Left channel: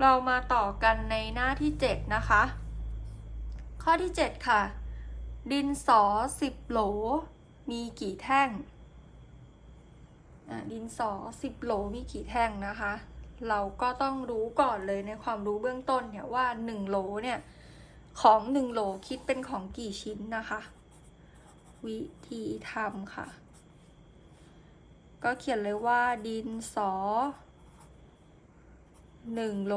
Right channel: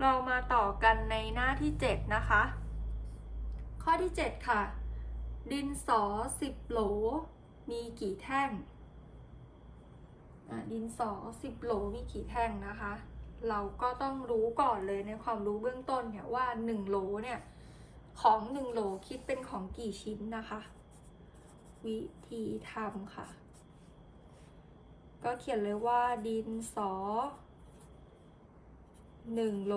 เรามาต่อกันในหน้าที่ 7 นะคะ ข้อที่ 7 ค่ะ ดินสอ 10 โหล มีกี่แท่ง ดินสอ 10 โหลมีกี่แท่งนะคะ เราก็ต้องรู้ก่อนเลยในความรู้เบื้องต้นเนี่ยว่า 1 โหลเนี่ย ของ 1 โหลคิดเป็นของกี่ชิ้นนะคะ วิธีทำค่ะ ก็เขียนเลยว่าดินสอ หนึ่งโหล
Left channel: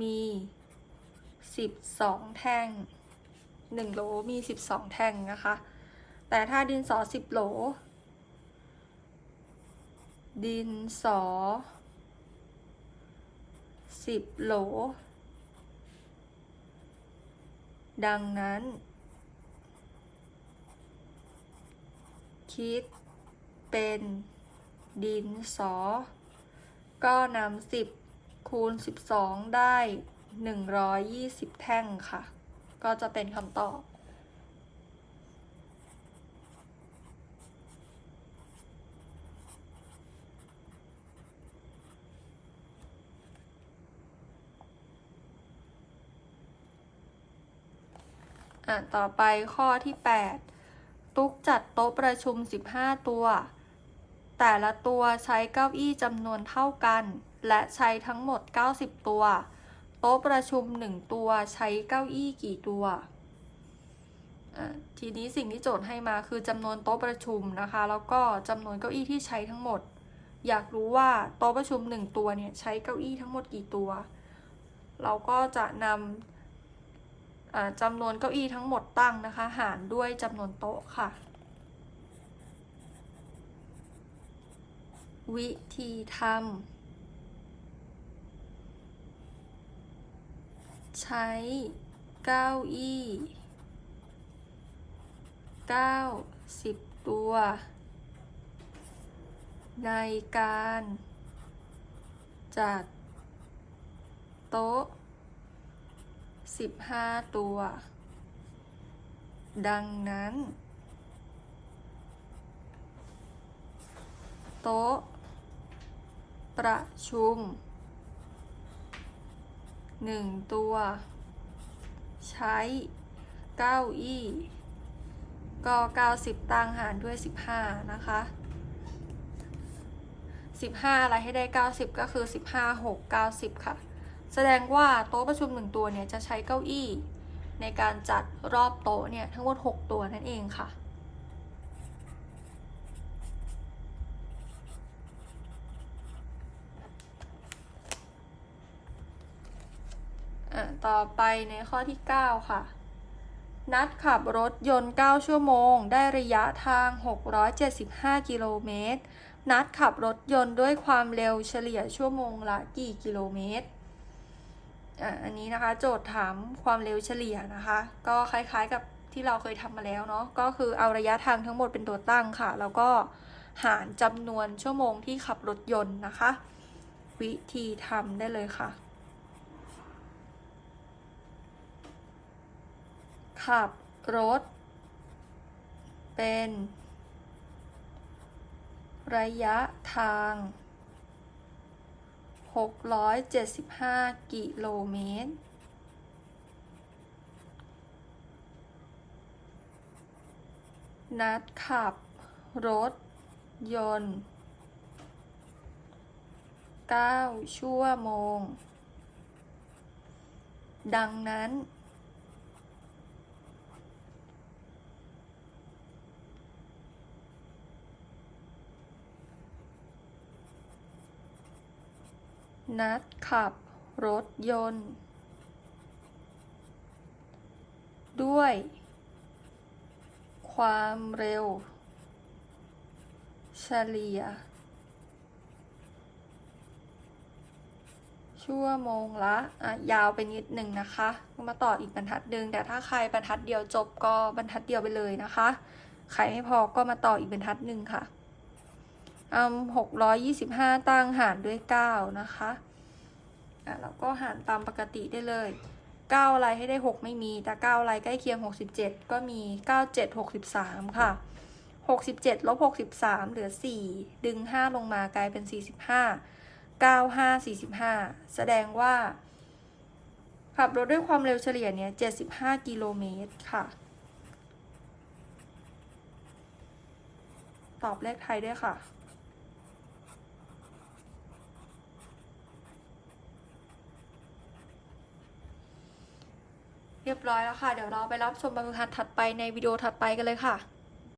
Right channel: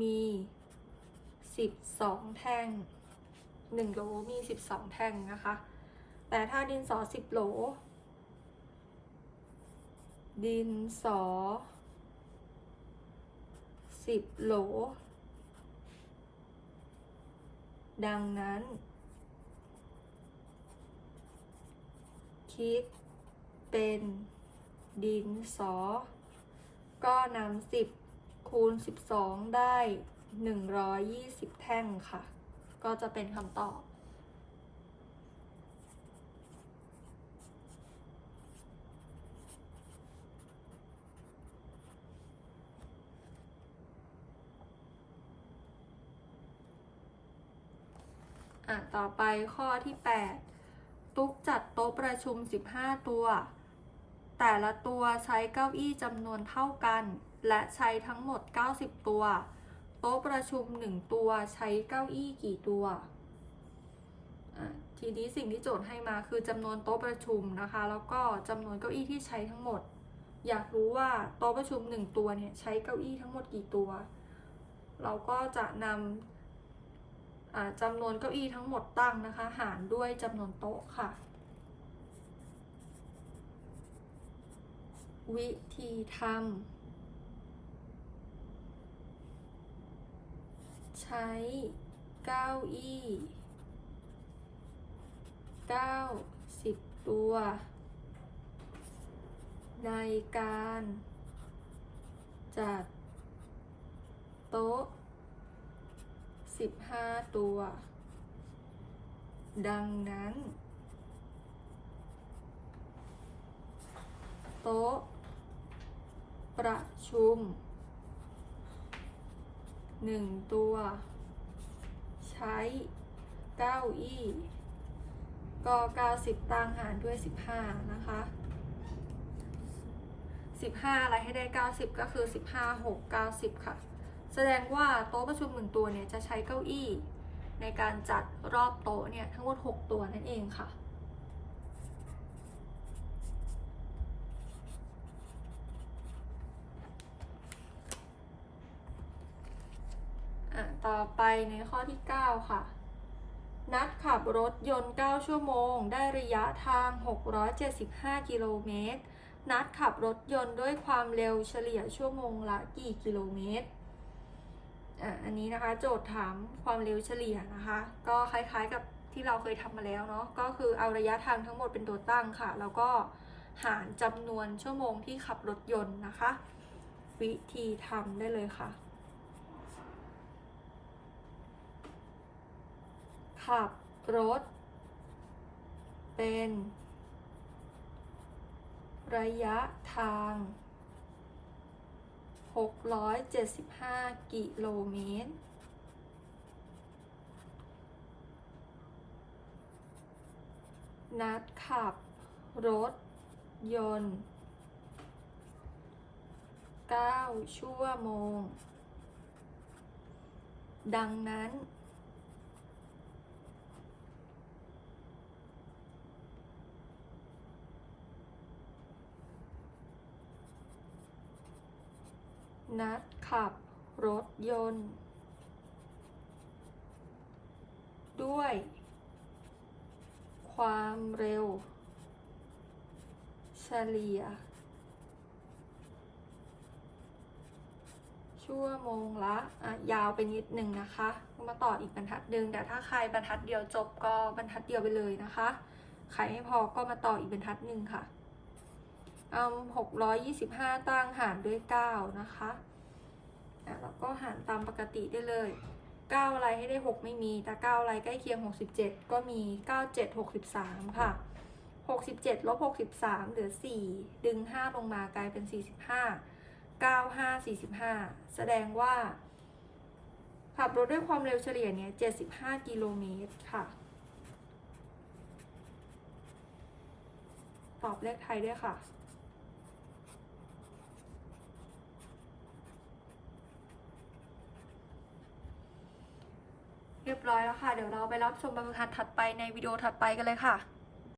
มีสิบสองแท่งหนึ่งโหลมีสิบสองแท่งนะคะ แต่ถ้าดินสอสิบโหล ดินสอสิบโหล ดังนั้น คิดเป็นดินสอ ก็นำสิบคูณสิบสองได้หนึ่งร้อยยี่สิบแท่งค่ะ ก็จะเป็นคำตอบอะต่อไปข้อที่ 8 ตุ๊กจัดโต๊ะประชุม 15 ตัว แต่ละตัวใช้เก้าอี้จำนวนเท่ากัน และใช้ทั้งหมด 90 ตัว โต๊ะประชุม 1 ตัวใช้เก้าอี้กี่ตัวทีนี้สิ่งที่โจทย์ให้มาคือจำนวนโต๊ะประชุมนะคะ แล้วก็จำนวนเก้าอี้ที่ใช้ทั้งหมด อยากรู้ว่าโต๊ะประชุม 1 ตัวเนี่ยใช้เก้าอี้ทั้งหมดกี่ตัว เราก็จะนำจำนวนเก้าอี้ทั้งหมดตั้งนะคะ หารด้วยจำนวนโต๊ะค่ะ วิธีทำใช้เก้าอี้90ตัว ในการจัดโต๊ะ15ตัว ดังนั้น โต๊ะ ประชุม1ตัว ใช้เก้าอี้ ก็ 90 ตังหารด้วย 15 นะคะ 15 อะไรให้ได้ 90 ก็คือ 15 6 90 ค่ะ แสดงว่าโต๊ะประชุมหนึ่งตัวเนี่ย จะใช้เก้าอี้ ในการจัดรอบโต๊ะเนี่ย ทั้งหมด 6 ตัวนั่นเองค่ะ ต่อไปในข้อที่ 9 ค่ะ นัดขับรถยนต์ 9 ชั่วโมง ได้ระยะทาง 675 กิโลเมตร นัดขับรถยนต์ด้วยความเร็วเฉลี่ยชั่วโมงละกี่กิโลเมตรอันนี้นะคะโจทย์ถามความเร็วเฉลี่ยนะคะ ก็คล้ายๆกับที่เราเคยทำมาแล้วเนาะ ก็คือเอาระยะทางทั้งหมดเป็นตัวตั้งค่ะ แล้วก็หารจำนวนชั่วโมงที่ขับรถยนต์นะคะ วิธีทำได้เลยค่ะ ขับรถ เป็น ระยะทาง 675 กิโลเมตร นัดขับ รถ ยนต์ 9 ชั่วโมง ดังนั้น นัดขับรถยนต์ ด้วย ความเร็ว เฉลี่ย ชั่วโมงละอะยาวไปนิดหนึ่งนะคะ มาต่ออีกบรรทัดหนึ่งแต่ถ้าใครบรรทัดเดียวจบก็บรรทัดเดียวไปเลยนะคะ ใครไม่พอก็มาต่ออีกบรรทัดหนึ่งค่ะ หกร้อยยี่สิบห้าตั้งหารด้วยเก้านะคะอะแล้วก็หารตามปกติได้เลยเก้าอะไรให้ได้หกไม่มี แต่เก้าอะไรใกล้เคียงหกสิบเจ็ดก็มีเก้าเจ็ดหกสิบสามค่ะหกสิบเจ็ดลบหกสิบสามเหลือสี่ดึงห้าลงมากลายเป็นสี่สิบห้า9545แสดงว่า ขับรถด้วยความเร็วเฉลี่ยเนี่ย75กิโลเมตรค่ะ ตอบเลขไทยด้วยค่ะ เรียบร้อยแล้วค่ะ เดี๋ยวเราไปรับชมบรรทัดถัดไปในวิดีโอถัดไปกันเลยค่ะ